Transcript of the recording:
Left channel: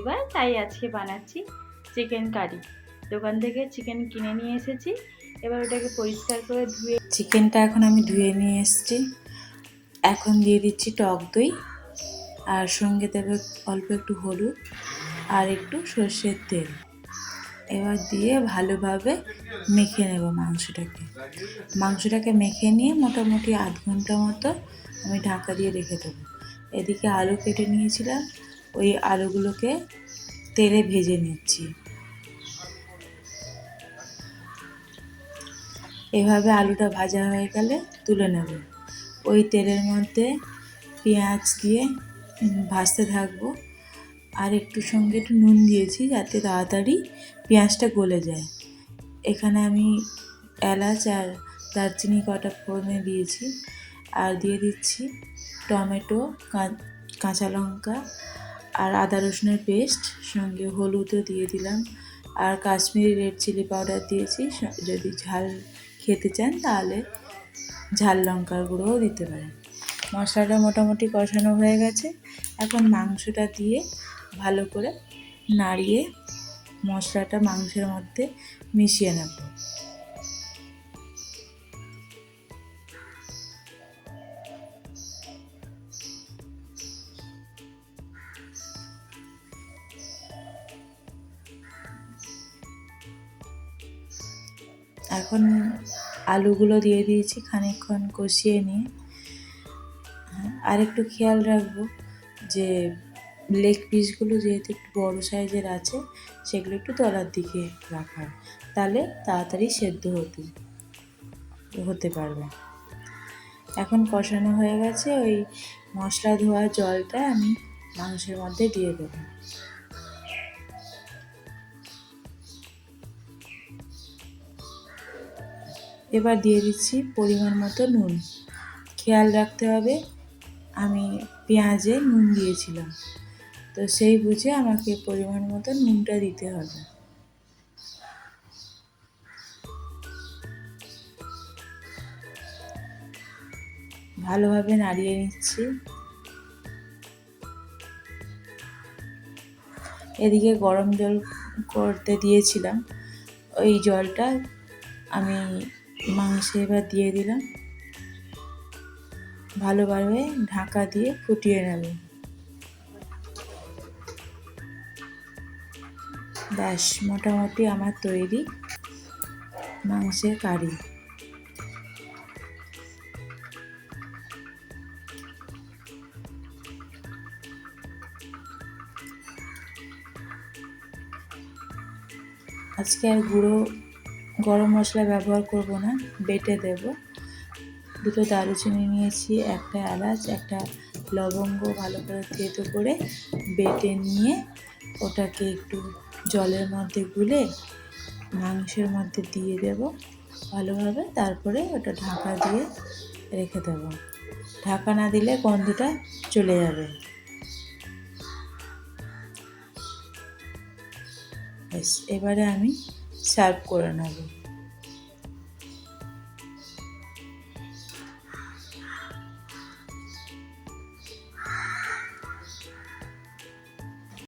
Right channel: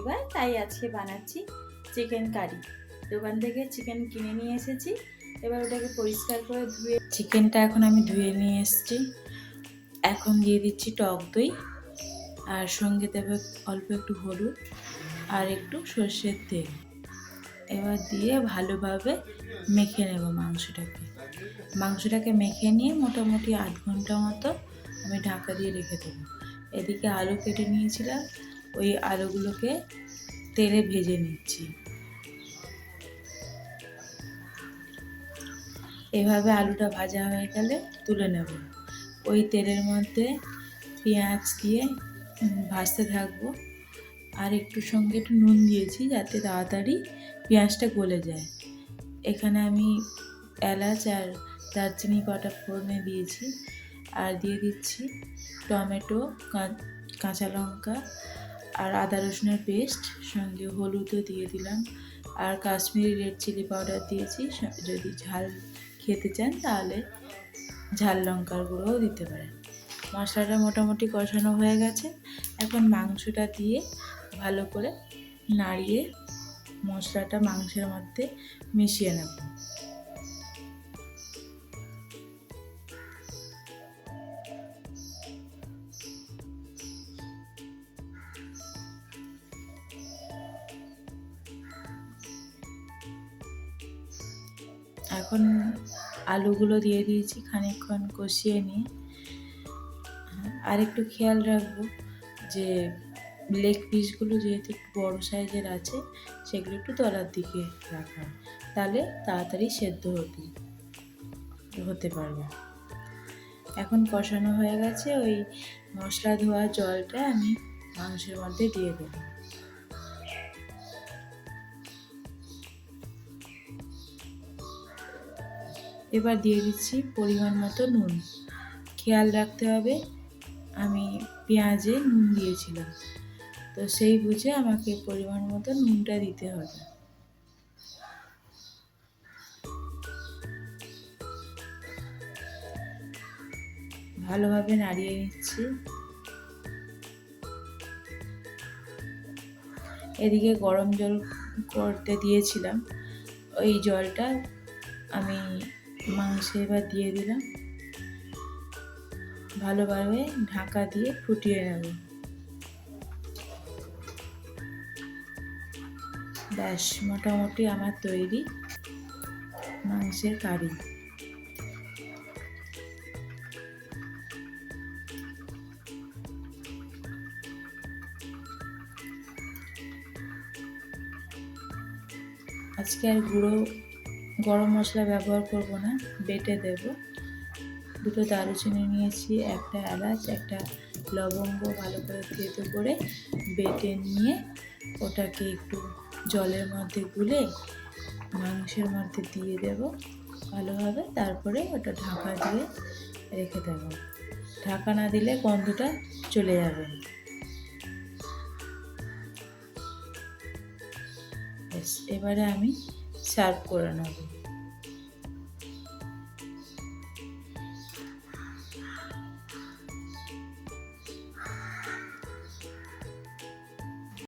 রবিবার, তাই আজকে বানাচ্ছি চিকেন কারি। দোকান থেকে চিকেন কিনে নিয়ে এসেছি। এবার ওটাকে পরিষ্কার করে ধুয়ে চিকেনটা এখন আমি ধুয়ে নিয়ে এসেছি। এখন দিয়ে দিচ্ছি টক দই, আর সঙ্গে দেবে অল্প একটু হলুদ আর একটু সর্ষের তেল। এবার দিয়ে ভালোভাবে মেখে নেব মাংসটাকে মেখে নিয়ে মোটামুটি আধ ঘন্টা মতো আমি ঢাকা দিয়ে রেখে দেবো। এদিকে আলু কেটে নিয়েছিলাম, ওই আলুগুলোকে তেলে ভেজে নিচ্ছি। এভাবে আলুটা ভাজা হয়ে গেলে তুলে নেব। ওই তেলের মধ্যে পেঁয়াজ দিয়ে ভাজতে থাকবো, আর একটু সঙ্গে একটু নুন দিয়েছি যাতে তাড়াতাড়ি পেঁয়াজটা গলে যায়। এখানে আমি এলাচ আর দারচিনি কটা ফোড়নে দিয়েছি, আর দিয়ে দিচ্ছি টমেটো, কাঁচা লঙ্কা আর আদা রসুনের পেস্ট, সঙ্গে হলুদও দিয়ে দিলাম, আর কাশ্মীরি রেড চিলি পাউডার দিয়েছি। যদি ঝাল খেতে চান তাহলে ঝাল লঙ্কার গুঁড়োও দিতে পারেন। মশলাটা মোটামুটি কষানো হয়ে গেছে। এখন মাংসটা দিয়ে ভালো করে নাড়িয়ে মশলাটা মাংসের মধ্যে মিশিয়ে নেব। এখন আলুগুলো দিয়ে দিয়েছি, খানিকক্ষণ কষিয়ে নিয়ে আর একটু খেয়াল রাখবো যে লেগ পিসগুলো যেহেতু একটু বড়ো সাইজের আছে, সেগুলো একটু তলার দিকে রাখার, তাহলে তাড়াতাড়ি সেদ্ধ হতে পারবে। এখন কষানো হয়ে গেছে, ওই মশলা ধোয়া জলটা আমি মাংসের মধ্যে দিয়ে দেবো। এবার দিয়ে দিচ্ছি পরিমাণ মতো নুন। খেয়াল রাখতে হবে, আমি পেঁয়াজে নুন দিয়েছিলাম, তো সেই বুঝে আমাকে পরিমাণ মতো নুনটা দিতে হবে। ভালোভাবে নাড়িয়ে নিচ্ছি। এদিকে গরম জল করতে দিয়েছিলাম, ওই জলটা আমি মাংসে এবার দিয়ে দিলাম। ভালোভাবে ঢাকা দিয়ে ফুটিয়ে নেব। ব্যাস, মোটামুটি আমার তৈরি মাংসের কারি। আজকে আর গুঁড়ো গরম মশলা ব্যবহার করব না, বেটে দেব। দুটো দারুচিনি নিয়েছি, একটা এলাচ, একটা লবঙ্গ ভালো করে থেতো করে বেটে নিয়ে ওটাকে একটু জলের মধ্যে গুলে মাংসের মধ্যে দিয়ে দেব ভালোভাবে। তারপরে ওটা ঢাকা দিয়ে রেখে দেব। ঢাকা না দিলে গন্ধটা চলে যাবে। ব্যাস, এবারে আমি সার্ভ করে নেব।